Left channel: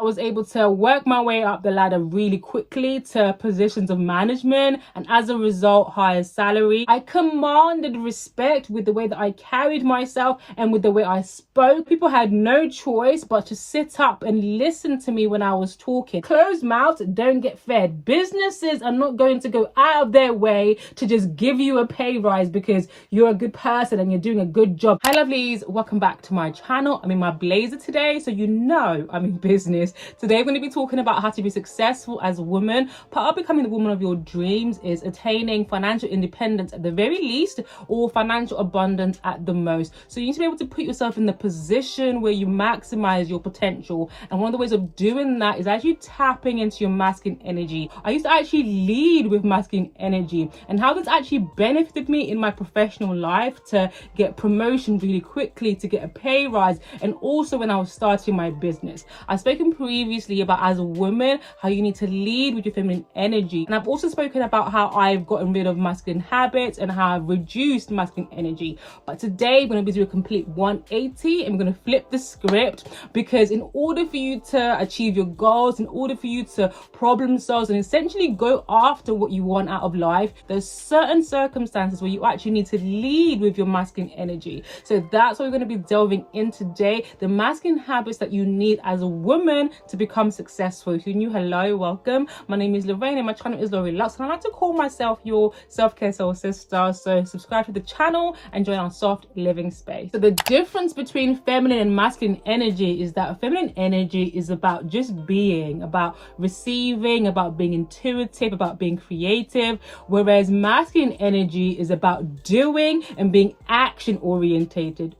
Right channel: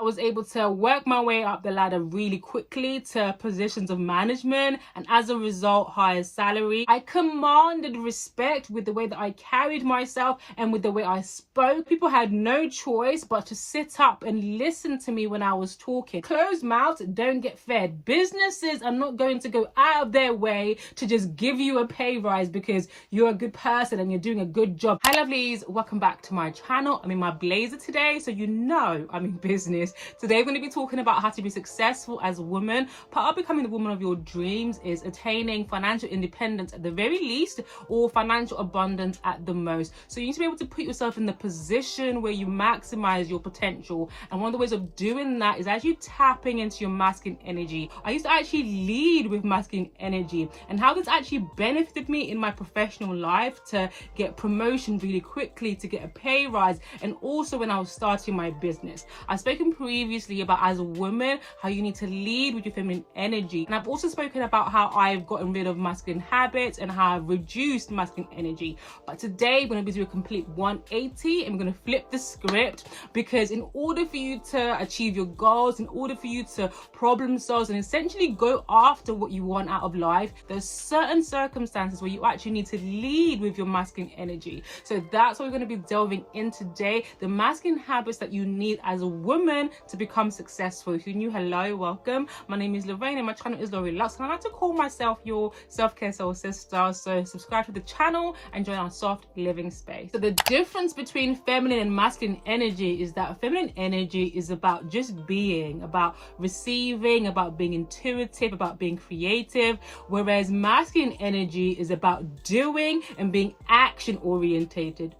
I was able to work my way up the ladder really quickly to positions of management, and as a result, higher salary. I commanded respect with the way that I carried myself and with the way I spoke. People had no choice but to sit up and listen to me when I was talking. Closed mouths don't get fed. Businesses are not going to go out of their way to just give you a pay rise because you're a good person and you're doing a good job. Hi lovelies, welcome back to my channel. I'm in my blazer today, so you know I'm in business. Today I'm going to be talking about how to be successful as a woman. Part of becoming the woman of your dreams is attaining financial independence at the very least, or financial abundance at the most. So you need to be able to put yourself in the position where you maximize your potential, and one of the ways of doing that is actually tapping into your masculine energy. I used to actually lead with masculine energy, and how this actually benefited me in my professional life to get promotion really quickly, to get a pay rise, and also when I was starting my business. I've spoken previously about, as a woman, how you need to lead with your feminine energy, and I've also spoken about how I've gotten rid of masculine habits and how I've reduced masculine energy. But today we're going to be doing a complete 180 and we're going to flip the script, because in order for you to achieve your goals, in order for you to problem solve and essentially go after what you want out of life, there's certain circumstances where you actually need to lead with your masculine energy. So that's what we're going to be delving in today, the masculine habits that you need as a woman to become successful. If you're new, hello, welcome. My name is Lorraine and my channel is Lori Lux, and I like to call myself your self-care soul sister. So subscribe to the channel and join our soft living space. So the difference between feminine and masculine energy is that feminine energy is about just being, about receiving, about being intuitive, about being creative, whereas masculine energy is about doing and being action oriented.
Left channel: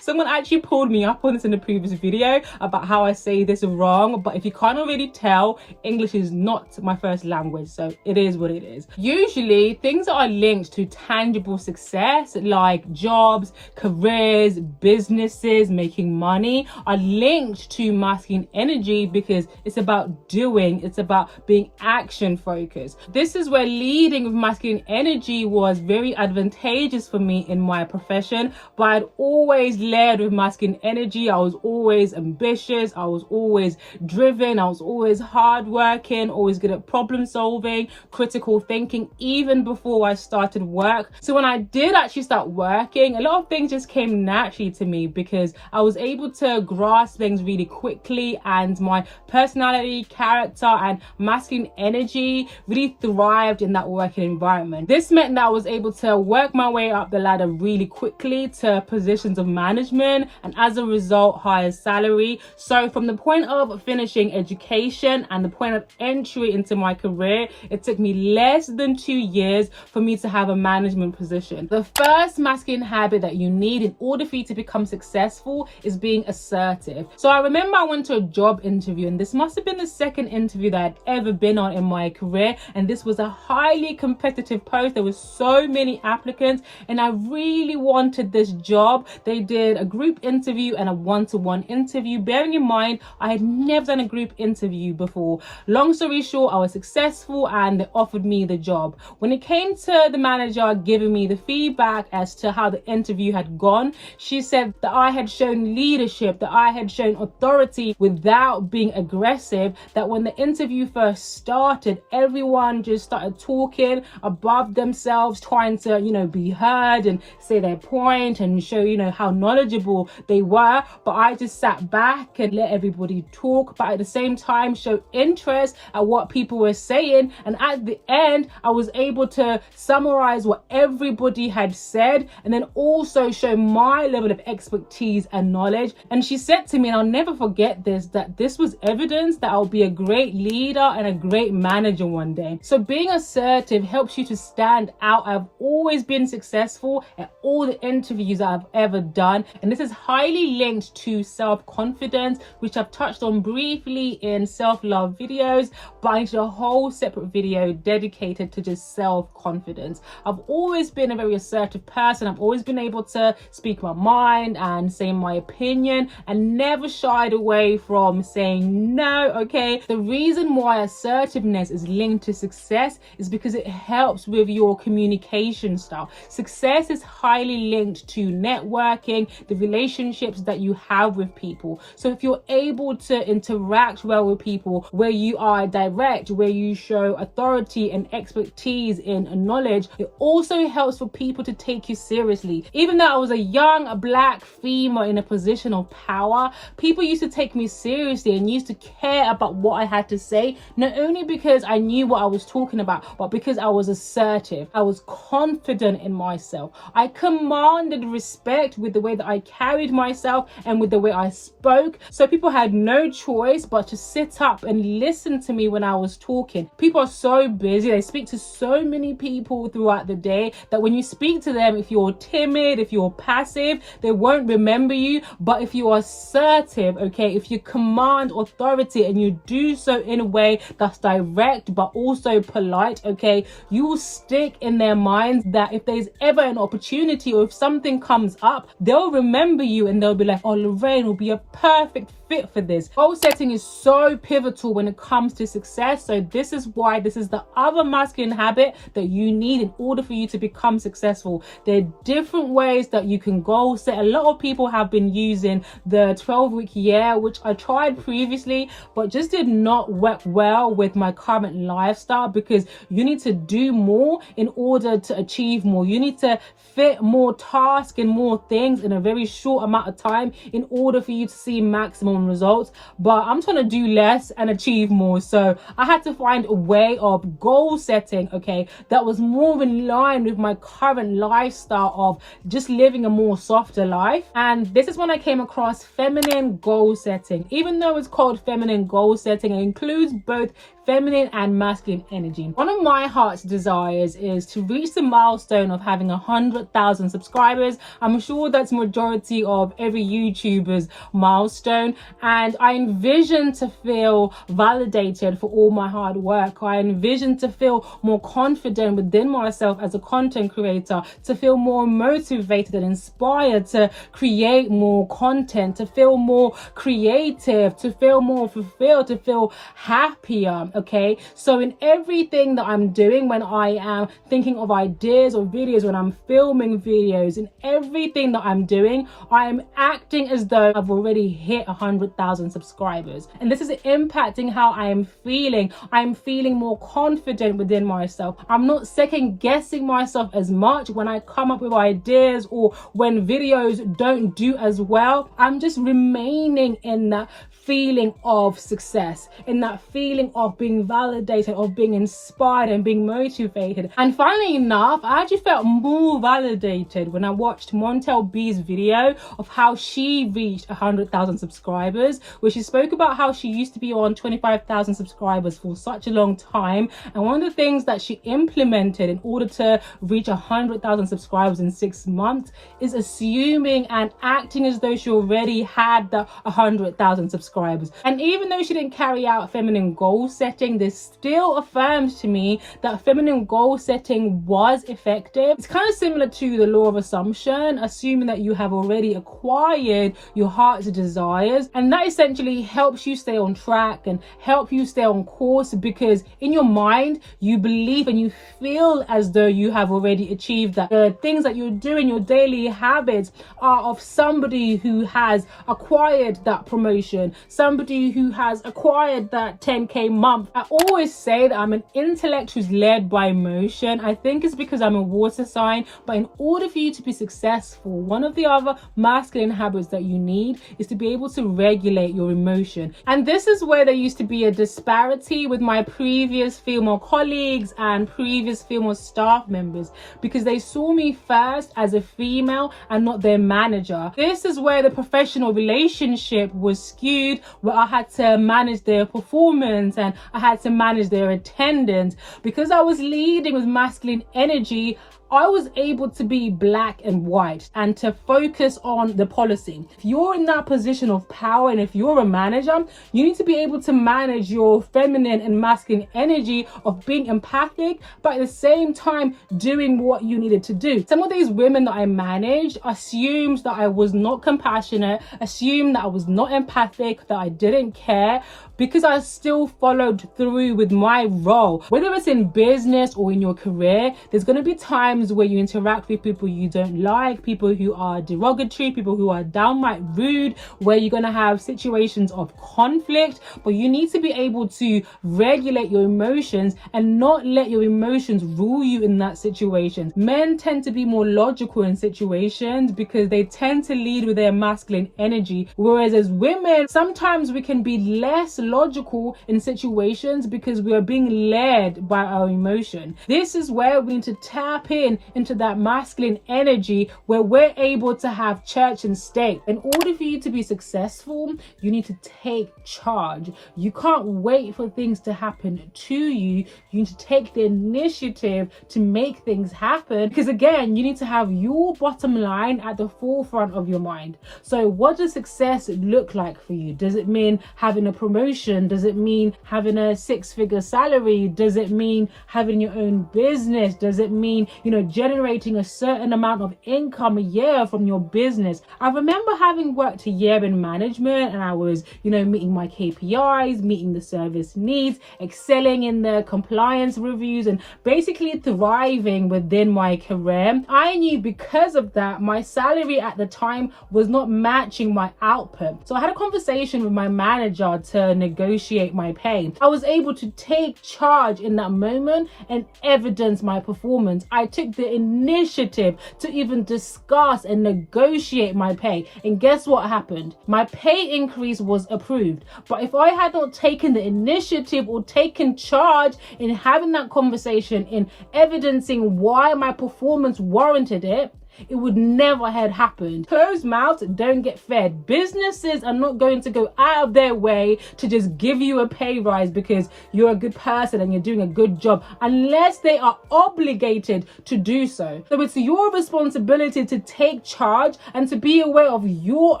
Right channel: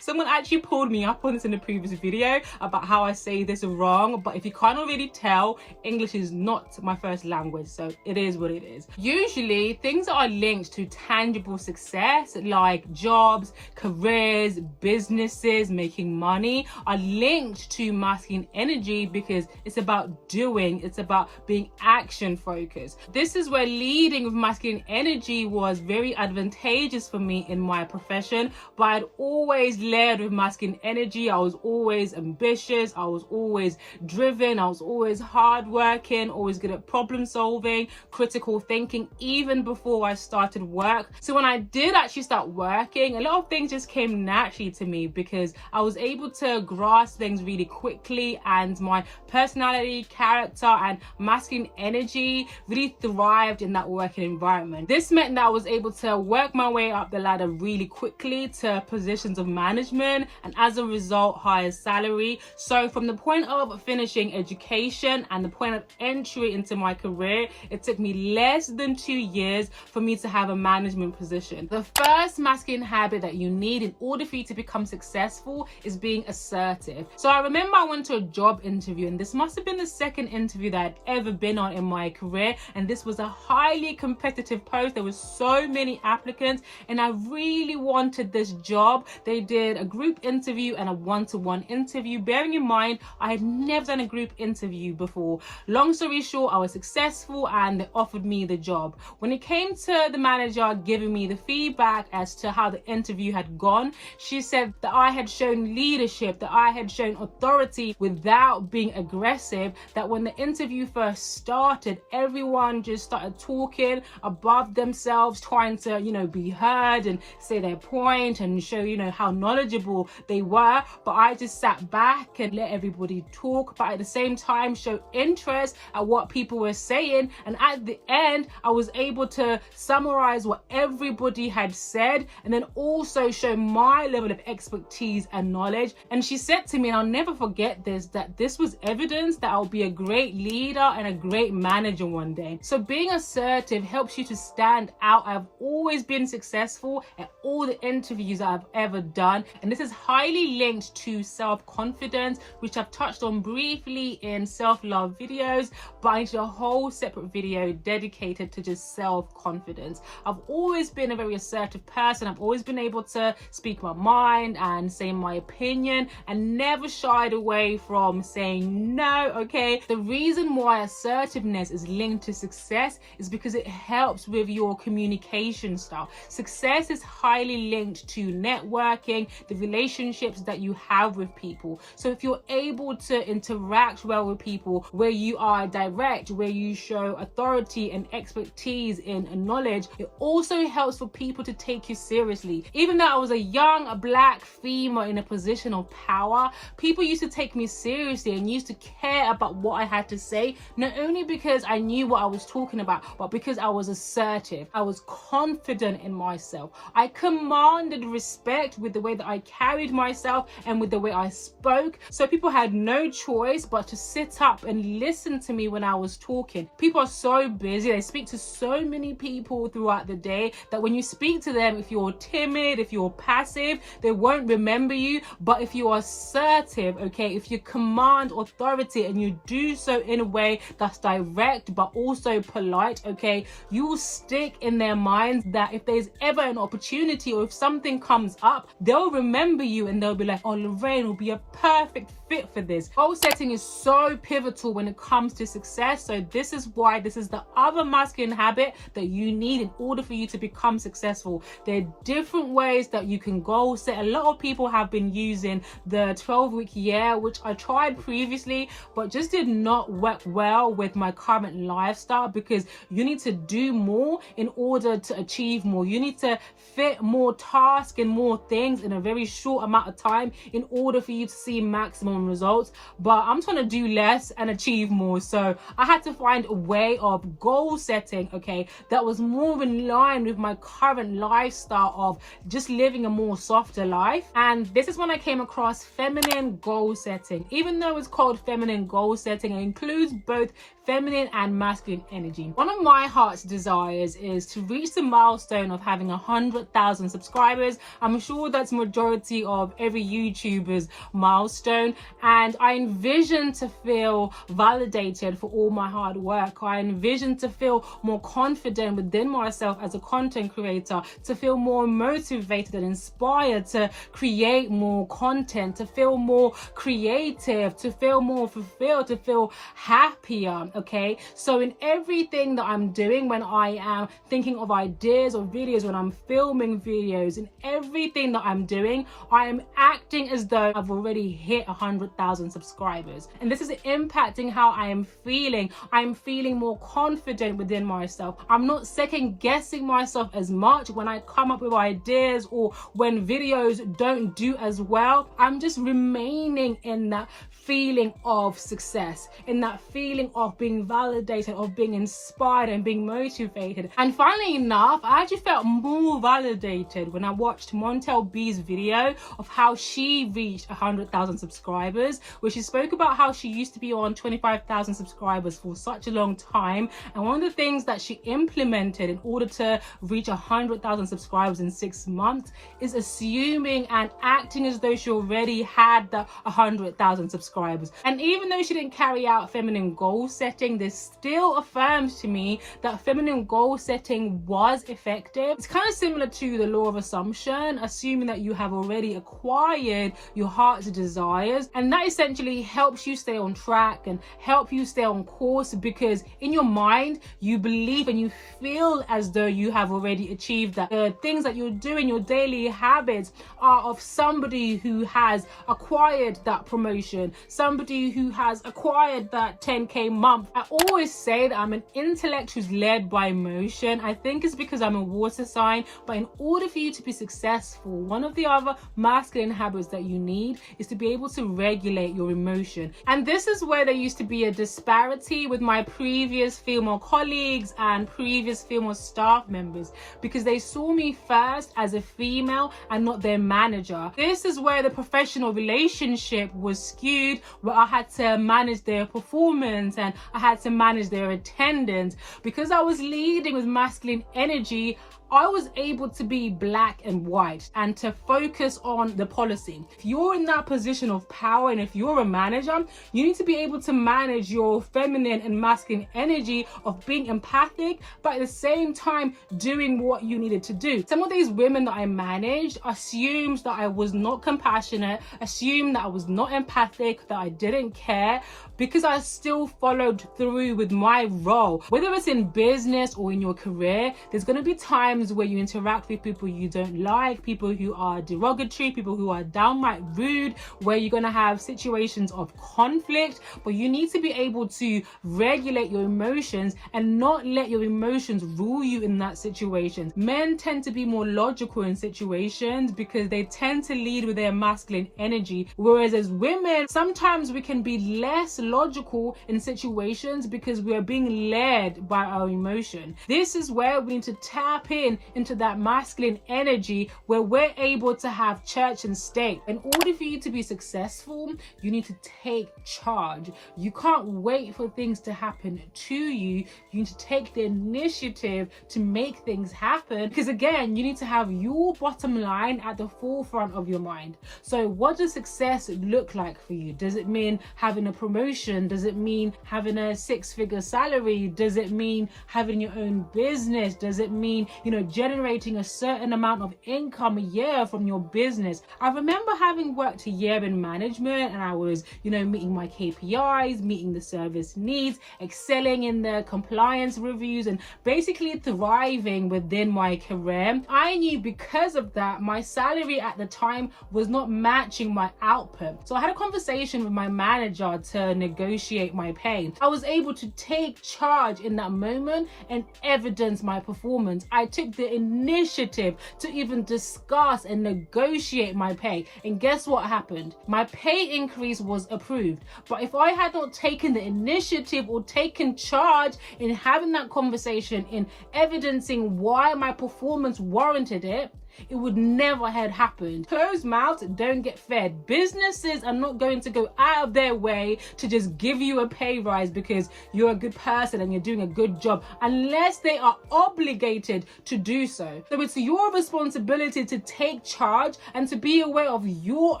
Someone actually pulled me up on this in the previous video about how I say this wrong, but if you can't already tell, English is not my first language, so it is what it is. Usually things that are linked to tangible success, like jobs, careers, businesses, making money, are linked to masculine energy because it's about doing, it's about being action focused. This is where leading with masculine energy was very advantageous for me in my profession, but I'd always led with masculine energy. I was always ambitious, I was always driven, I was always hardworking, always good at problem solving, critical thinking, even before I started work. So when I did actually start working, a lot of things just came naturally to me because I was able to grasp things really quickly, and my personality, character, and masculine energy really thrived in that working environment. This meant that I was able to work my way up the ladder really quickly to positions of management, and as a result, higher salary. So from the point of finishing education and the point of entry into my career, it took me less than 2 years for me to have a management position. The first masculine habit that you need in order for you to become successful is being assertive. So I remember I went to a job interview, and this must have been the second interview that I'd ever been on in my career, and this was a highly competitive post. There were so many applicants and I really wanted this job. They did a group interview and a one-to-one interview. Bearing in mind, I had never done a group interview before. Long story short, I was successful and they offered me the job. When it came to the manager giving me the feedback as to how the interview had gone, she said that I had shown leadership, that I had shown authority without being aggressive, that when the interview first started, everyone just started talking above themselves, trying to, be heard and say their point and show, how knowledgeable they were. But I just sat back and let everybody talk, but at the same time show interest at what people were saying. And at the end, I was able to summarize what everybody had said and then also show my level of expertise and knowledge. And she said to me, and I'll never forget this, that this was evidence that I'll be a great leader and a great manager one day. So being assertive helps you to stand out. I've always been successful at all the interviews that I've ever done, and this is highly linked to self-confidence, which I've touched on briefly in self-love videos, but I need a whole separate video dedicated to just self-confidence. I've always been a very assertive person. I've always been able to speak my mind and say my opinion and never shied away from saying no. Okay, the reason why assertiveness is linked to success is because it helps with your communication style. Success is highly linked to networking networking, the relationships that you have with people. So if you're able to interact well with people, where you are direct, where you show authority and expertise in knowledge, it also helps for people to take you seriously. Even though I was a young black female in a position of power, people used to take me seriously and used to care about what I had to say, not only because I knew what I was talking about, but because I was assertive. I was confident in myself. I commanded respect with the way that I carried myself and with the way I spoke. So people had no choice but to sit up and listen to me when I was talking. People are so busy. They speak to so many people throughout the day that when you speak to them, if you're timid, if you're passive, they won't remember you. But if you are assertive, okay, if you command authority and you do so in a way that's direct but also polite, okay, you will stick in their minds that if there's ever an opportunity or if something comes up, they'll remember you and they'll be like, oh, Lorraine will be a perfect fit for this. Goal setting is so pivotal when it comes to success. So this is why this is the other masculine habit that you need in order for you to become successful. There are different ways that you can goal set. A lot of people have been using the 12-week year, which I tried previously, but just did not work well with my current lifestyle, because you need to do more in order to achieve more. You need to fit more tasks and more things in a very short amount of time in order for you to see maximum results. But I'm trying to do less and achieve more, so I had to find a way of goal setting, okay, that was more in line with my current lifestyle of just living a more softer life. And this is when I came across feminine goal setting. Even though it's called feminine goal setting, it includes both feminine and masculine energy. One of my heart's desires is to reach the milestone of having 100,000 subscribers. I'm sure that's majority of every YouTuber's milestone, and I envision to feel validated for all my hard work. I envision to feel more confident within myself as a content creator, to feel more motivated and inspired to create more content, to feel more creative, to feel more fulfilled, to feel happier. Okay, so in everything that I'm doing, when I am thinking of ideas or videos, when I'm filming videos, in everything that I'm doing, I am acting as though I've already hit 100,000 subscribers. And this is impacting how I am feeling. I'm feeling more confident within myself. I'm not second guessing myself as much when I come up with ideas or when videos don't do as well. I'm just remaining in that feeling of success, in that feeling of being validated, of being inspired and being motivated. And funnily enough, I actually felt more validated when I watched Montel B's video of how she reached 100,000 subscribers, where she spoke about how she used to be on 25,000 subscribers for such a long time. And one of the things that she implemented in order to reach 100,000 subscribers in 6 months is assuming and acting as though she already had the 100,000 subscribers. And even though she didn't carry out feminine goal setting, this still affirms to me that feminine goal setting was effective. It's kind of similar to the law of assumption, assuming that you have already acquired your heart's desires, and that essentially helps you stay on track and help you stay on course, because in your mind you believe and you feel as though you have already achieved that. The things that you're doing, your daily habits, are of somebody who has acquired that promotion, somebody who has acquired that 10k month. I always say that I'm an intellect who's led by emotion. I think it's because I'm a water sign, but in order for you to be successful, one of the other masculine habits that you need is to be able to regulate your emotion. And this is where there used to be a disparity with my previous female colleagues and previous female staff members, because they saw me first as a female and not their manager. This is where the professional relationship was skewed, where I had to manage their performance and I had to manage their attendance. Because I was leading with masculine energy, I was able to be black and white and to focus on the policy. If you're in that position of power and if you're a manager, you need to be able to manage your feminine and masculine energy of being empathic, but at the same time doing what you needed to do. Some of these women that I managed assumed that I was not compassionate, assumed that I was not empathic, that I didn't care, because I still followed through with my role. Whether it's in business or in your career, there's going to be times times where you interact with people you don't like, people who are derogatory, people who are downright rude, where you're going to have situations of conflict, but you need to be able to regulate your emotions and not let your emotions rule you in that situation. Men tend to be more logical in situations because they tend to lead with their masculine energy, whereas as women, sometimes we can be less logical in situations because we are being led by our emotion. This is where we need to tap into that masculine energy where we're able to have church and state. In order for you to be successful, you need to take charge. You can't wait for things to happen to you. You need to take the initiative to make things happen, because again, you need to have your bottom line at the forefront of your mind. So what does success look like for you? Does it mean having a promotion? Does it mean having a 6-figure salary? Does it mean having your own business? Does it mean, generating a certain amount of income a year from your business? I remember having worked a year in management, and I was, meeting my KPIs, meeting the service needs, excelling in the compliance reviews, and basically thriving within my career. I knew because of that, my salary at the time was not matching my output. So I had a conversation with my manager to negotiate my pay. I was able to take charge in that moment and evidence my performance. I took the initiative to even discuss and negotiate my pay. And guess what happened? My pay increase was approved. But if I had not taken the initiative or taken charge in having that conversation, in evidencing why my performance warranted it, it would never have happened. Closed mouths don't get fed. Businesses are not going to go out of their way to just give you a pay rise because you're a good person and you're doing a good job, unless they are obligated to do so. So it's your responsibility to take charge and to be aware of your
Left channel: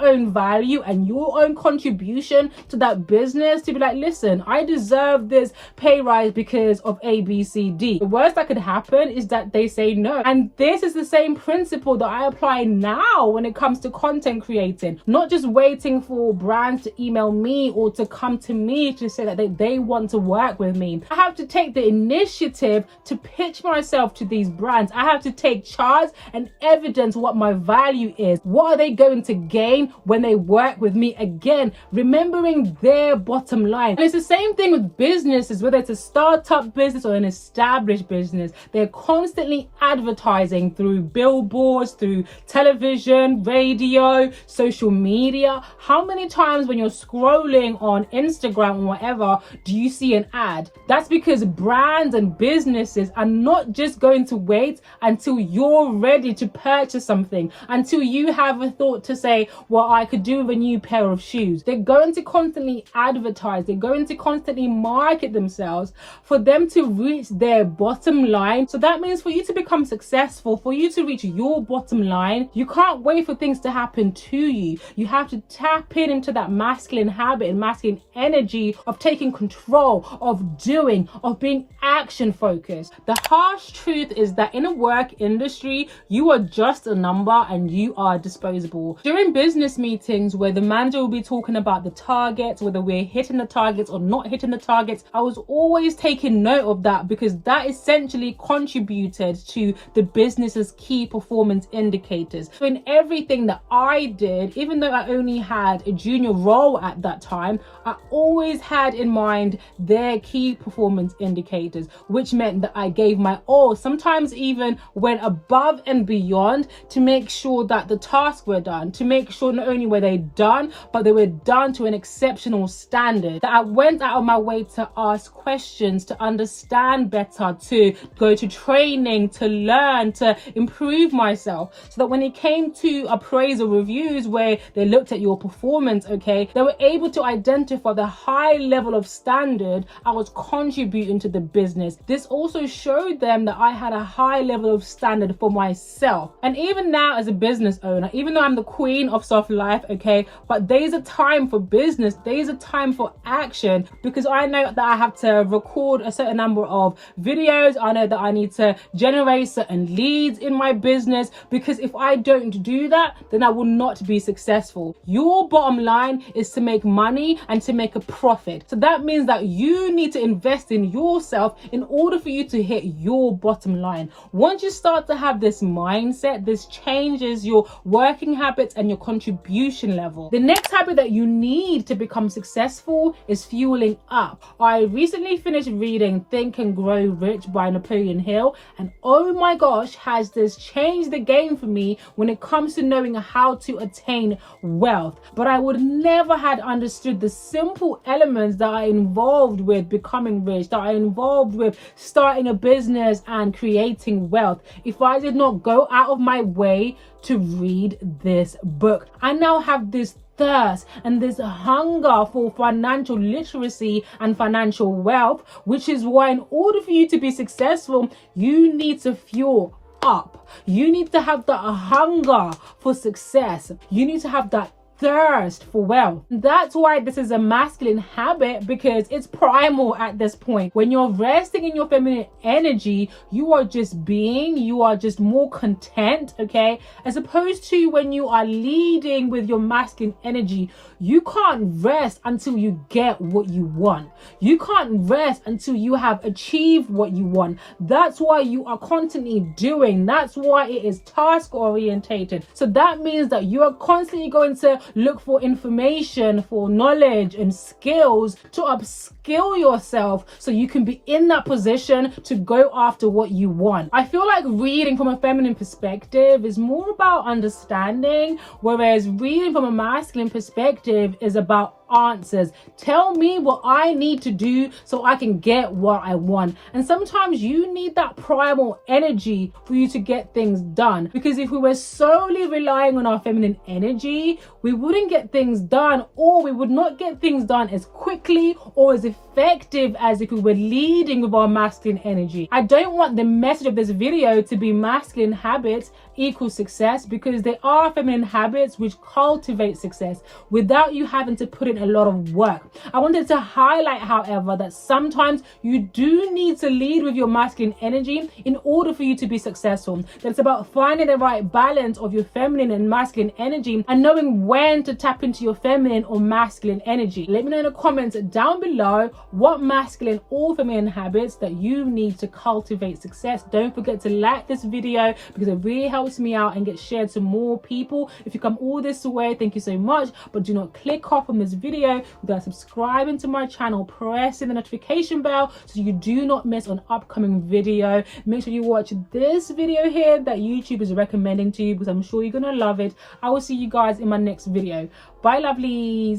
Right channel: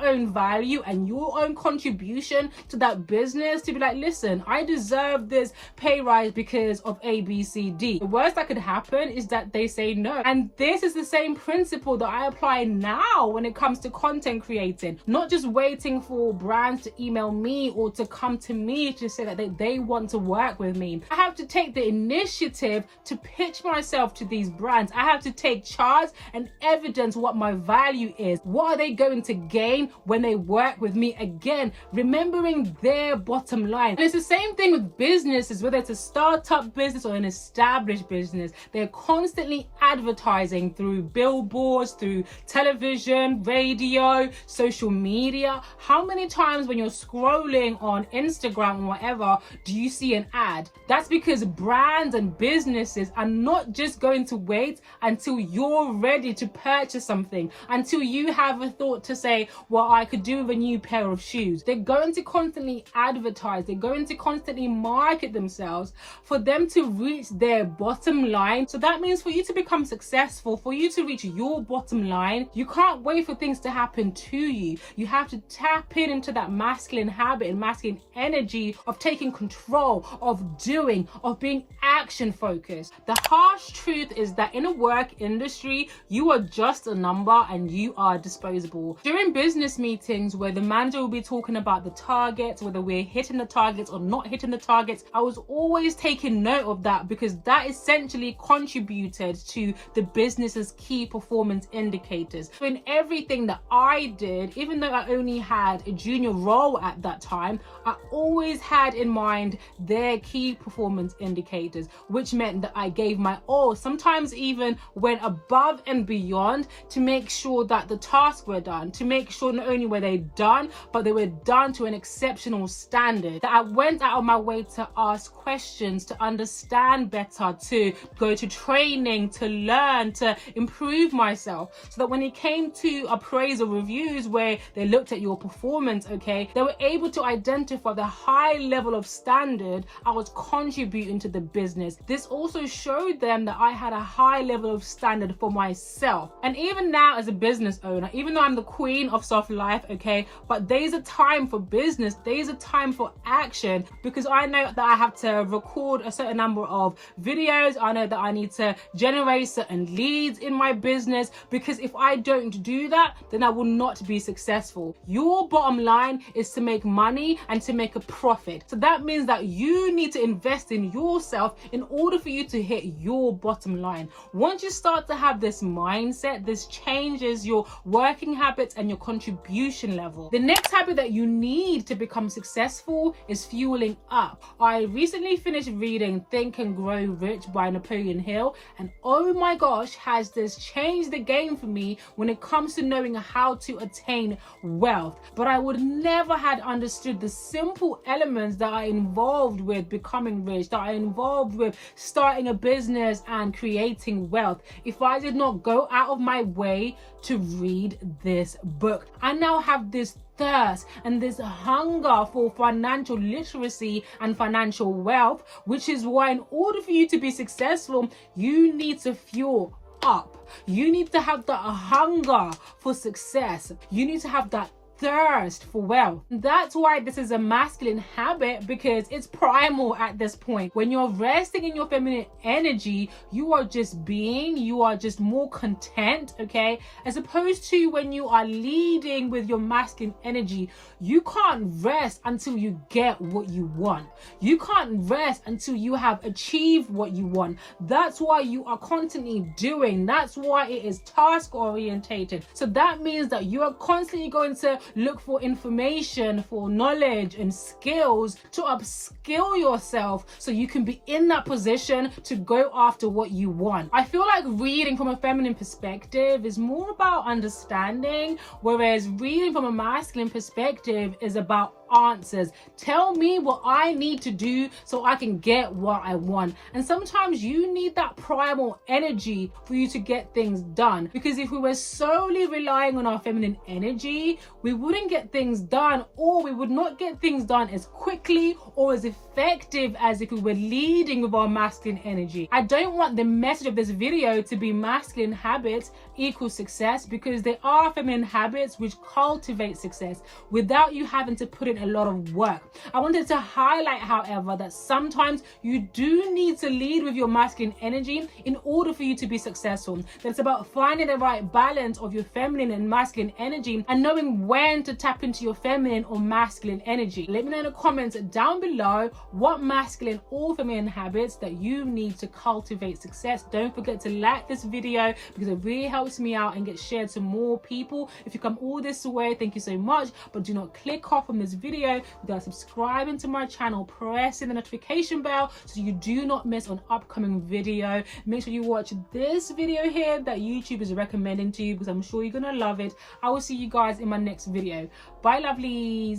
own value and your own contribution to that business, to be like, listen, I deserve this pay rise because of A, B, C, D. The worst that could happen is that they say no. And this is the same principle that I apply now when it comes to content creating. Not just waiting for brands to email me or to come to me to say that they want to work with me. I have to take the initiative to pitch myself to these brands. I have to take charge and evidence what my value is. What are they going to gain when they work with me? Again, remembering their bottom line. And it's the same thing with businesses, whether it's a startup business or an established business. They're constantly advertising through billboards, through television, radio, social media. How many times when you're scrolling on Instagram or whatever do you see an ad? That's because brands and businesses are not just going to wait until you're ready to purchase something, until you have a thought to say, well, I could do with a new pair of shoes. They're going to constantly advertise. They're going to constantly market themselves for them to reach their bottom line. So that means for you to become successful, for you to reach your bottom line, you can't wait for things to happen to you. You have to tap into that masculine habit and masculine energy of taking control, of doing, of being action focused. The harsh truth is that in a work industry, you are just a number and you are disposable. During business meetings where the manager will be talking about the targets, whether we're hitting the targets or not hitting the targets, I was always taking note of that because that essentially contributed to the business's key performance indicators. So in everything that I did, even though I only had a junior role at that time, I always had in mind their key performance indicators, which meant that I gave my all, sometimes even went above and beyond to make sure that the tasks were done, to make sure not only were they done, but they were done to an exceptional standard, that I went out of my way to ask questions, to understand better, to go to training, to learn, to improve myself, so that when it came to appraisal reviews where they looked at your performance, okay, they were able to identify the high level of standard I was contributing to the business. This also showed them that I had a high level of standard for myself. And even now as a business owner, even though I'm the queen of soft life, okay, but there's a time for business, there's a time for action, because I know that I have to record a certain number of videos, I know that I need to generate certain leads in my business, business, because if I don't do that, then I will not be successful. Your bottom line is to make money and to make a profit. So that means that you need to invest in yourself in order for you to hit your bottom line. Once you start to have this mindset, this changes your working habits and your contribution level. The next habit that you need to become successful is fueling up. I recently finished reading Think and Grow Rich by Napoleon Hill, and oh my gosh, has this changed the game for me when it comes to knowing how to attain wealth. But I would never had understood the simple elements that are involved with becoming rich, that are involved with starting a business and creating wealth, if I did not go out of my way to read this book. I now have this thirst and this hunger for financial literacy and financial wealth, which is why in order for you to be successful, you need to fuel up. You need to have that hunger for success. You need to have that thirst for wealth. That's why this is a masculine habit, because it's primal at this point. When you're resting in your feminine energy, you are just being, you are just more content, okay? As opposed to when you are leading with your masculine energy, you can't rest until you get what you want. You can't rest until you have achieved what you want. That's why you are constantly doing. That's why it is task orientated. So that means that you are constantly going to look for information, for knowledge and skills to upskill yourself so you can be in that position to go after what you want. I feel like reading from a feminine perspective is more about understanding, whereas reading from a masculine perspective is about answers. Tell me what I need to do so I can get what I want. And sometimes you need that primal energy for you to get things done, because if we were solely relying on our feminine energy, we wouldn't get things done, or we would not get things done as quickly or as effective as if we were leading with our masculine energy. I don't want the message of this video to be masculine habits equals success, because there are feminine habits which cultivate success without you having to put in a lot of work. I wanted to highlight, however, that sometimes you do need to lead with your masculine energy in order for you to be successful. That it's about finding the right balance of your feminine and masculine energy and knowing when to tap into your feminine or masculine energy. Let me know in the comments down below what masculine or feminine habits that you need to cultivate success. Don't forget to like this video, because it really helps me out and gets shared to more people. If you come all this way, thank you so much. But do not click off from this video without subscribing to my channel, pressing the notification bell so you do not miss an upcoming video. Make sure you watch this video here that YouTube is recommending to you, because I'm sure you're gonna love it. I will see you guys in my next video. Bye, lovelies.